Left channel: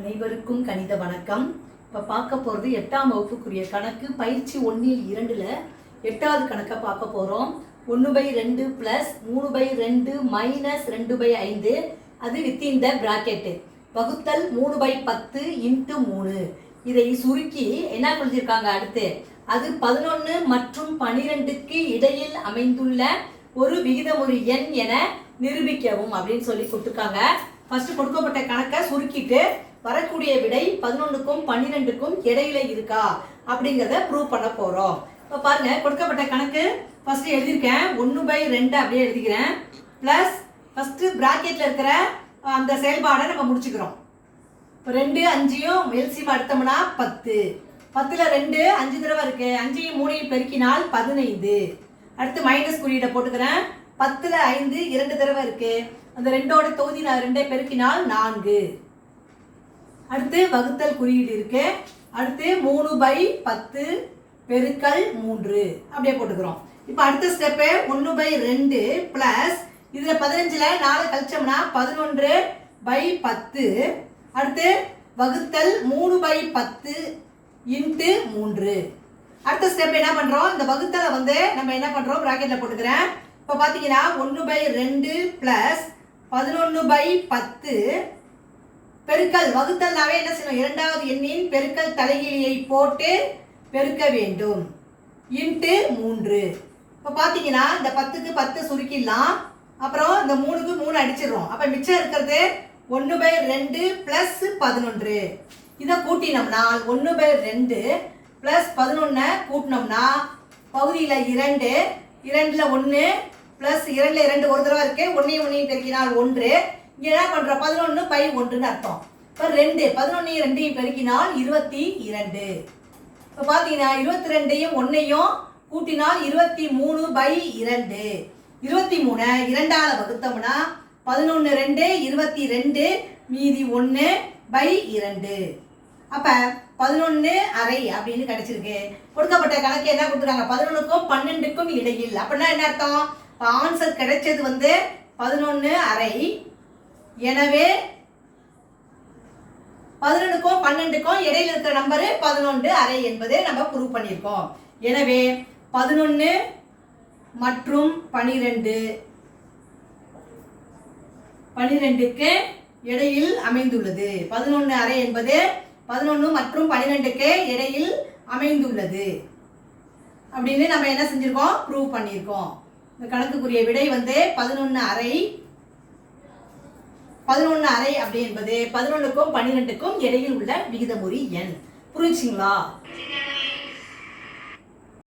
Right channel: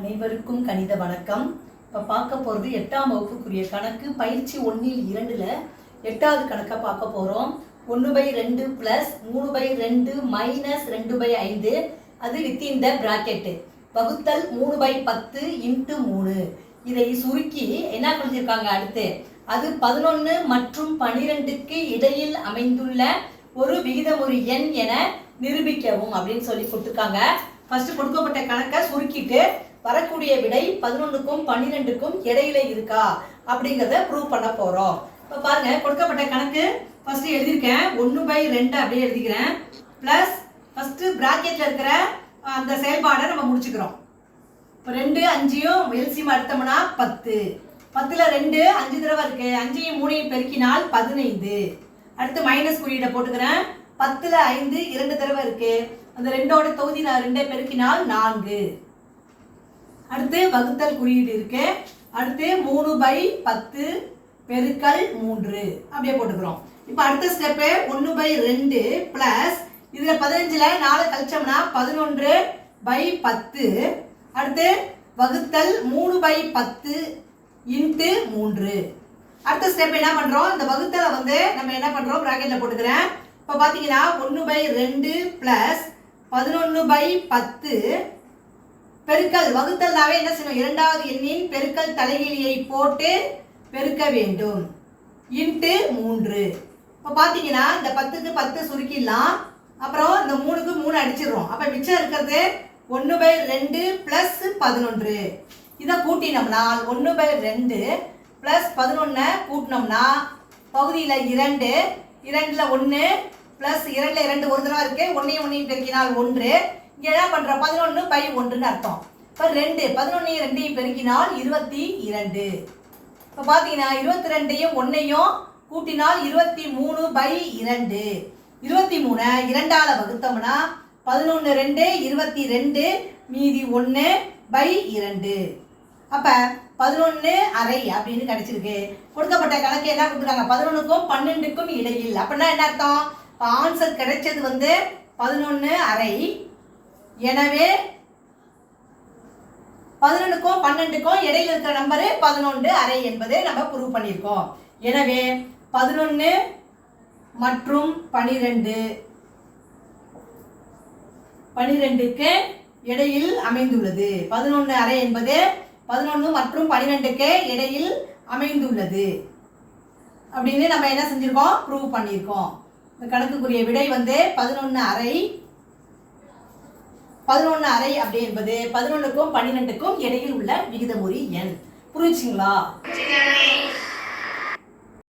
அனைவருக்கும் கணித வணக்கம். இப்போ பார்க்க போகிறது 8ஆம் வகுப்புக்குரிய கணக்கு பயிற்சி 1-2ல் 8வது கணக்கை பார்க்க போகிறோம். 1/2 + 3/2 - 2/5 அது வித்தின் த பிராக்கெட்டு வகுத்தல் 3/10 × 3. இதை சுருக்கி என்ன சொல்லியிருக்காங்க அடுத்து, அது 11 மற்றும் 12க்கு இடையில் அமைந்துள்ள ஒரு விகிதமுறு எண் என நிரூபிக்கவும் அப்படின்னு சொல்லி கொடுத்துருக்காங்க. ஃபர்ஸ்ட் கொடுக்கப்பட்ட கணக்கை சுருக்கிட்டு வரக்கூடிய விடை 11க்கும் 12க்கும் இடையில இருக்கா அப்படிங்கிறத ப்ரூவ் பண்ண போறோம். இப்போ பாருங்க, கொடுக்கப்பட்ட கணக்கு ஃபர்ஸ்ட் எழுதியிருக்கேன். 1/2 அப்படியே எழுதிக்கிறேன். பிளஸ் ஃபர்ஸ்ட் பிராக்கெட்ல இருக்கிற அந்த செயல்பாடை நம்ம முடிச்சுக்கிறோம். இப்போ 2 5யும் எல்சிஎம் எடுத்தோம்னா 10. 10ல் 2 5 தடவை இருக்கு. 5யும் 3யும் பெருக்கினால் 15. அடுத்து மைனஸ் குறியீடை போட்டுக்கிறேன். 10ல் 5 2 தடவை இருக்கு. அந்த 2ஓட தொகுதி 2 பெருக்கினால் 4. அடுத்து வகுத்தல் குறியீடு இருக்கு. அடுத்து 3/10 பெருக்கல் 3 அப்படியே போட்டுக்கிறோம். இப்போ அடுத்த ஸ்டெப்பு 1/2 பிளஸ் இதுல 15ல 4 கழிச்சோம்னா 11/10. அடுத்து வகுத்தல் 3/10 × 3. அடுத்த ஸ்டெப் என்ன பண்றோம், இந்த வகுத்தலை நம்ம என்ன பண்றோம் பிராக்கெட்ல போட்டுக்கிறேன். இப்போ பாத்தீங்கன்னா 1/2 பிளஸ் 11/10 பெருக்கல் வகுத்தல்னாவே என்ன செய்யணும், இரண்டாவது எண்ணின் பெருக்கல் தலைகீழியை போட்டு பெருக்க வேண்டும் × 3. இப்போ பார்த்தீங்கன்னா இந்த 10க்கு 10 சுருக்கிடலாம். அப்புறம் இந்த 3க்கு 3 அடிச்சிடுறோம். அப்போ மிச்சம் இருக்கிறது 1/2 பிளஸ் 11. இதை கூட்டினோம்னா 1/2 பிளஸ் 11 கூட்டினோம்னா பகுதியில் 2, 2ல் 1 பிளஸ் 2ல் 2 ஒரு தடவை இருக்கு. 1 பெருக்கினால் 1. இங்கே என்ன பண்ணுறோம், 11/1ன்னு அர்த்தம். இப்போ 2 11 2 பெருக்கினால் 22. இப்போ பார்த்தீங்கன்னா 22யும் 1யும் கூட்டினால் 23/2. 23 2ஆல் வகுத்தோம்னா 11 2 22 மீதி 1/2. அப்போ 11/2 அப்படின்னு கிடைச்சிருக்கு. கொடுக்கப்பட்ட கணக்கு என்ன கொடுத்துருக்காங்க, 11க்கும் 12க்கும் இடையில். அப்படின்னா என்ன அர்த்தம், இப்போ ஆன்சர் கிடைச்சது 11/2. எனவே 11க்கும் 12க்கும் இடையில இருக்கிற நம்பர் 11/2 என்பதை நம்ம ப்ரூவ் பண்ணியிருக்கோம். எனவே 11 மற்றும் 12க்கு இடையில் அமைந்துள்ளது. 11/2 என்பது 11 மற்றும் 12க்கு இடையில் அமைந்துள்ளது அப்படின்னு நம்ம என்ன செஞ்சிருக்கோம், ப்ரூவ் பண்ணியிருக்கோம். இந்த கணக்குக்குரிய விடை 11/2. 11/2 அப்படி என்பது 11க்கும் 12க்கும் இடையில் உள்ள விகிதமுறு எண். புரிஞ்சுங்களா?